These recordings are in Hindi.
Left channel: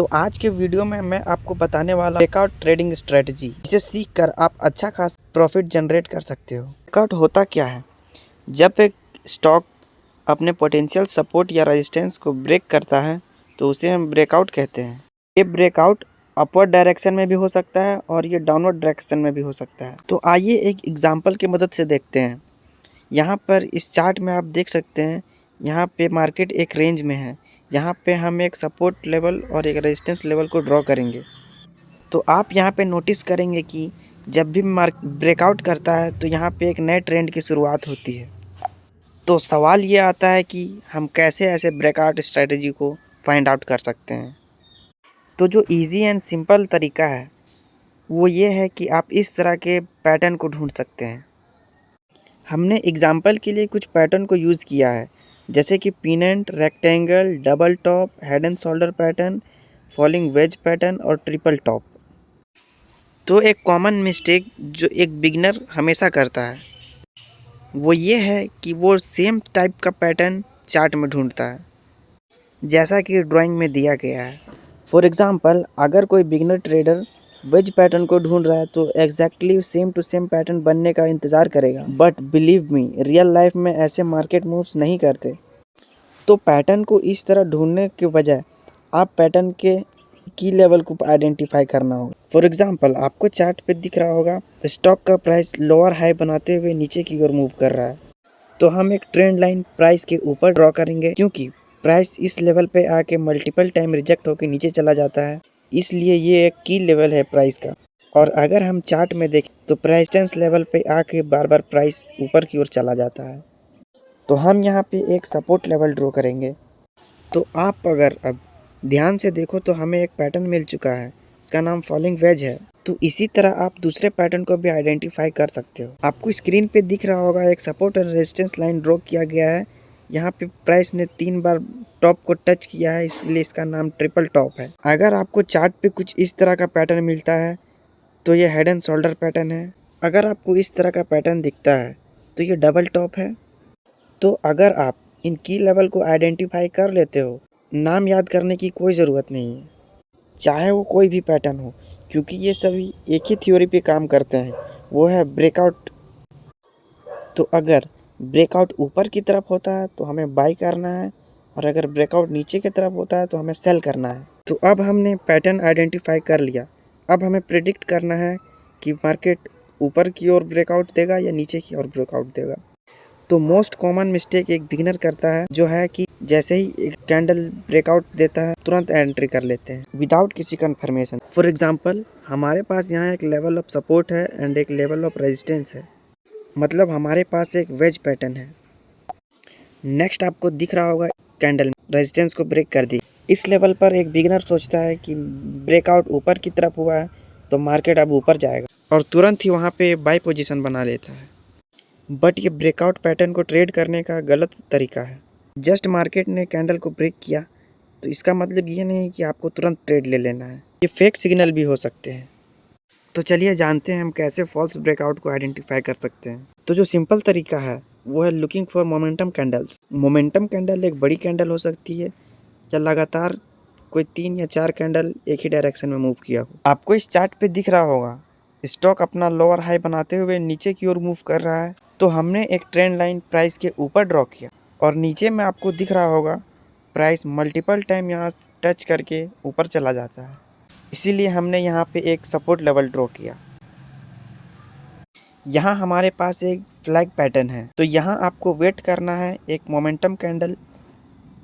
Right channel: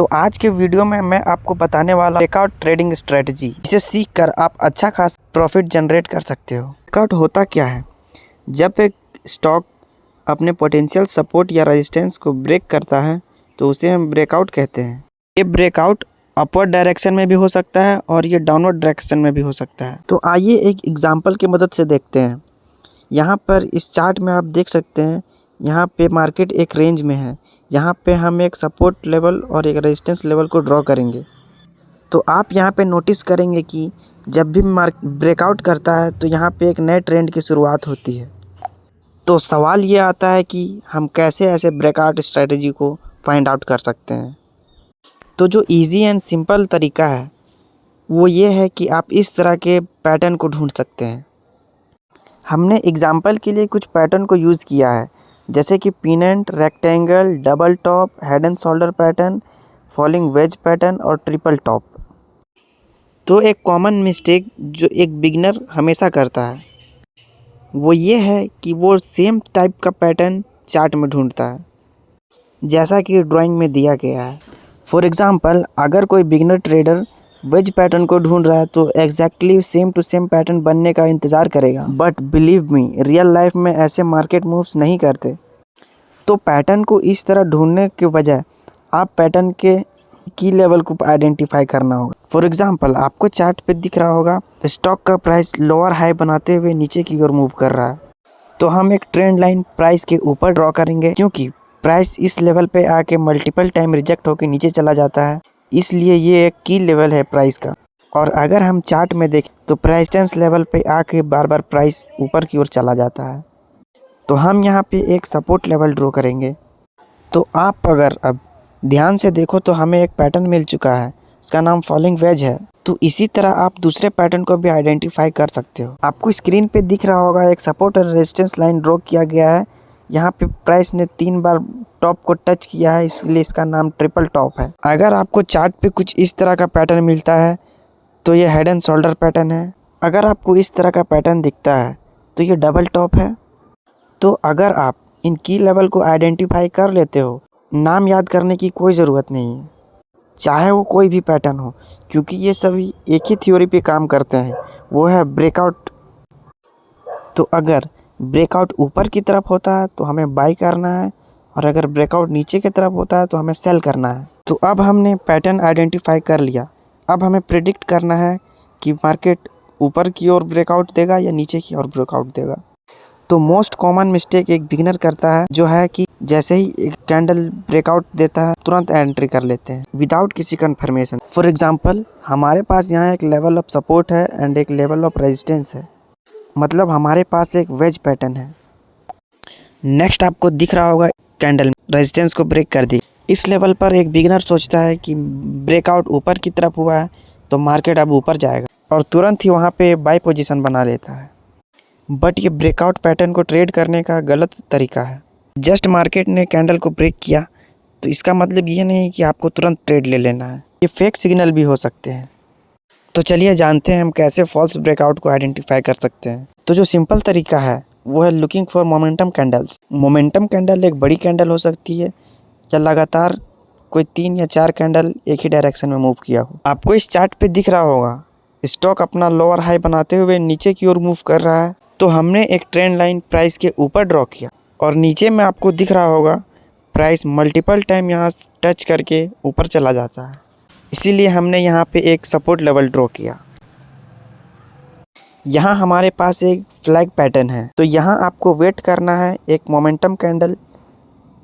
तो आज के वीडियो में मैं आपको बताने वाला ब्रेकआउट ट्रेडिंग स्ट्रेटजी, इसे सीख कर आप अच्छा खास प्रॉफिट जनरेट कर सकते हो। ब्रेकआउट होता क्या है? जब एक स्टॉक अपने पोटेंशियल सपोर्ट या रेजिस्टेंस को ब्रेक करता है तो उसे हम ब्रेकआउट कहते हैं। ये ब्रेकआउट अपवर्ड डायरेक्शन में भी हो सकता है और ये डाउनवर्ड डायरेक्शन में भी हो सकता है। तो आइए एक एग्जांपल की मदद से देखते हैं। यहाँ पर इस चार्ट में आप देख सकते हैं, यहाँ पे मार्केट एक रेंज में है। यहाँ पे हम एक सपोर्ट लेवल और एक रेजिस्टेंस लेवल को ड्रॉ करेंगे। तो आप यहाँ पे नोटिस करेंगे कि जब भी मार्केट ब्रेकआउट करता है तो यहाँ पे एक नए ट्रेंड की शुरुआत होती है। तो सवाल ये आता है कि हम कैसे ऐसे ब्रेकआउट स्ट्रेटजी को फाइंड आउट कर सकते हैं। तो जो इजी एंड सिंपल तरीका है वो ये है कि आप इस तरह के पैटर्न को ढूंढ सकते हैं। हमने एग्जाम्पल के लिए कुछ पैटर्न को यूज़ किया है, जैसे कि pennant, rectangle, double top, head and shoulder pattern, falling wedge pattern और ट्रिपल टॉप। तो एक कॉमन मिस्टेक जो एक बिगिनर हमेशा करता है वो ये है कि वो सेम टाइप का पैटर्न चार्ट में ढूंढता है जैसा कि ड्राइंग में दिया गया है। फॉर एग्जांपल, अगर कोई बिगिनर ट्रेडर वेज पैटर्न को ढूंढ रहा है तो exactly same to same pattern बनने का इंतज़ार करेगा। But believe me, real life में ऐसे मार्केट मूव्स नहीं करते। तो पैटर्न को इस तरह ढूंढने के बजाय आप पैटर्न के की लेवल को आइडेंटिफाई करना होगा। फॉर एग्जांपल, आपको चार्ट पे दिख रहा होगा स्टॉक का प्राइस लोअर हाई बनाते हुए नीचे की ओर मूव कर रहा है। तो हम एक ट्रेंड लाइन प्राइस के ऊपर ड्रॉ करेंगे, क्योंकि प्राइस इस लेवल पे आके मल्टीपल टाइम रिजेक्ट होकर नीचे चला जाता है, इसलिए ये एक की लेवल है प्राइस का। और अगर हम चार्ट में देखें तो रेजिस्टेंस लेवल पे आके बार बार प्राइस ऊपर की ओर चला जाता है। तो हम यहाँ पे एक सपोर्ट लेवल ड्रॉ करेंगे। तो आप अगर अब ध्यान से देखो तो हमें एक पैटर्न मिल चुका है, उसका नाम फॉलिंग वेज है। तो इसी तरह आप दूसरे पैटर्न को भी आइडेंटिफाई कर सकते हो। आपको स्क्रीन पे दिख रहा होगा एक सपोर्ट और रेजिस्टेंस लाइन ड्रॉ किया गया है। यहाँ पे प्राइस ने 3 बार टॉप को टच किया है, इसलिए इसका नाम ट्रिपल टॉप है। अगर आपको चार्ट पे कुछ इस तरह का पैटर्न मिलता है तो ये हेड एंड शोल्डर पैटर्न है। अगर आपको इस तरह का पैटर्न दिखता है तो ये डबल टॉप है। तो अगर आप इन की लेवल को आइडेंटिफाई कर लेते हो, नाम याद करने की कोई ज़रूरत नहीं है, चाहे वो कोई भी पैटर्न हो, क्योंकि ये सभी एक ही थ्योरी पे काम करते हैं, वो है ब्रेकआउट। तो अगर ब्रेकआउट ऊपर की तरफ होता है तो हमें बाई करना है, और अगर ब्रेकआउट नीचे की तरफ होता है तो हमें सेल करना है। तो अब हमने पैटर्न आइडेंटिफाई कर लिया। अब हमें प्रिडिक्ट करना है कि मार्केट ऊपर की ओर ब्रेकआउट देगा या नीचे की ओर ब्रेकआउट देगा। तो मोस्ट कॉमन मिस्टेक एक बिगिनर करता है जो है कि जैसे ही एक कैंडल ब्रेकआउट देता है तुरंत एंट्री कर लेते हैं विदाउट किसी कंफर्मेशन। फॉर एग्जांपल, हमारे पास यहाँ एक लेवल ऑफ सपोर्ट है एंड एक लेवल ऑफ रेजिस्टेंस है, मतलब हमारे पास एक वेज पैटर्न है। नेक्स्ट आपको दिख रहा होगा कैंडल रेजिस्टेंस को ब्रेक कर दी। इस लेवल पर एक बिगिनर सोचता है कि ब्रेकआउट ऊपर की तरफ हुआ है तो मार्केट अब ऊपर जाएगा, और तुरंत ही वहाँ पे बाई पोजीशन बना लेता है। बट ये ब्रेकआउट पैटर्न को ट्रेड करने का गलत तरीका है। जस्ट मार्केट ने कैंडल को ब्रेक किया तो इसका मतलब ये नहीं कि आपको तुरंत ट्रेड ले लेना है, ये फेक सिग्नल भी हो सकते हैं। तो चलिए जानते हैं हम कैसे फॉल्स ब्रेकआउट को आइडेंटिफाई कर सकते हैं। तो जो सिंपल तरीका है वो है looking for momentum candles. Momentum candle एक बड़ी कैंडल हो सकती है या लगातार कोई 3 या 4 कैंडल एक ही डायरेक्शन में मूव किया हो। आपको इस चार्ट पे दिख रहा होगा स्टॉक अपना लोअर हाई बनाते हुए नीचे की ओर मूव कर रहा है। तो हमने एक ट्रेंड लाइन प्राइस के ऊपर ड्रॉ किया, और नीचे में आपको दिख रहा होगा प्राइस मल्टीपल टाइम यहाँ टच करके ऊपर चला जाता है, इसीलिए हमने यहाँ पे एक सपोर्ट लेवल ड्रॉ किया। यहाँ हमारे पास एक फ्लैग पैटर्न है, तो यहाँ आपको वेट करना है एक मोमेंटम कैंडल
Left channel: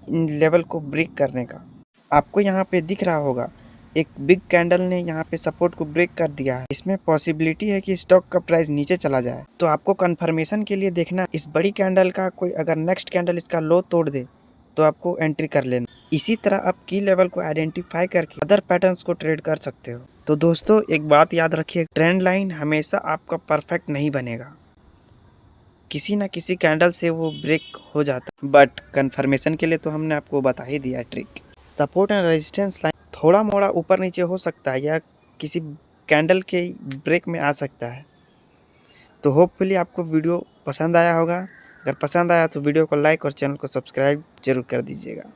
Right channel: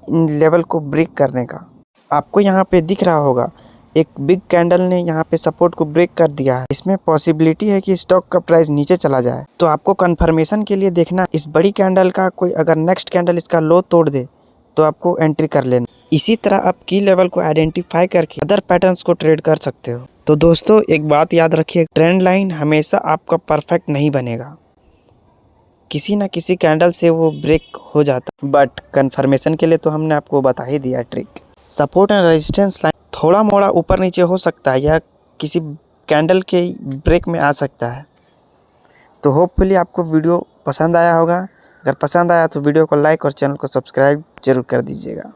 इन लेवल को ब्रेक करने का। आपको यहाँ पे दिख रहा होगा एक बिग कैंडल ने यहाँ पे सपोर्ट को ब्रेक कर दिया है। इसमें पॉसिबिलिटी है कि स्टॉक का प्राइस नीचे चला जाए। तो आपको कंफर्मेशन के लिए देखना इस बड़ी कैंडल का कोई अगर नेक्स्ट कैंडल इसका लो तोड़ दे तो आपको एंट्री कर लेना। इसी तरह आप की लेवल को आइडेंटिफाई करके अदर पैटर्न्स को ट्रेड कर सकते हो। तो दोस्तों, एक बात याद रखिए, ट्रेंड लाइन हमेशा आपका परफेक्ट नहीं बनेगा, किसी ना किसी कैंडल से वो ब्रेक हो जाता। बट कंफर्मेशन के लिए तो हमने आपको बता ही दिया trick. Support and resistance line थोड़ा मोड़ा ऊपर नीचे हो सकता है या किसी कैंडल के ब्रेक में आ सकता है। तो होपफुली आपको वीडियो पसंद आया होगा। अगर पसंद आया तो वीडियो को लाइक और चैनल को सब्सक्राइब जरूर कर दीजिएगा।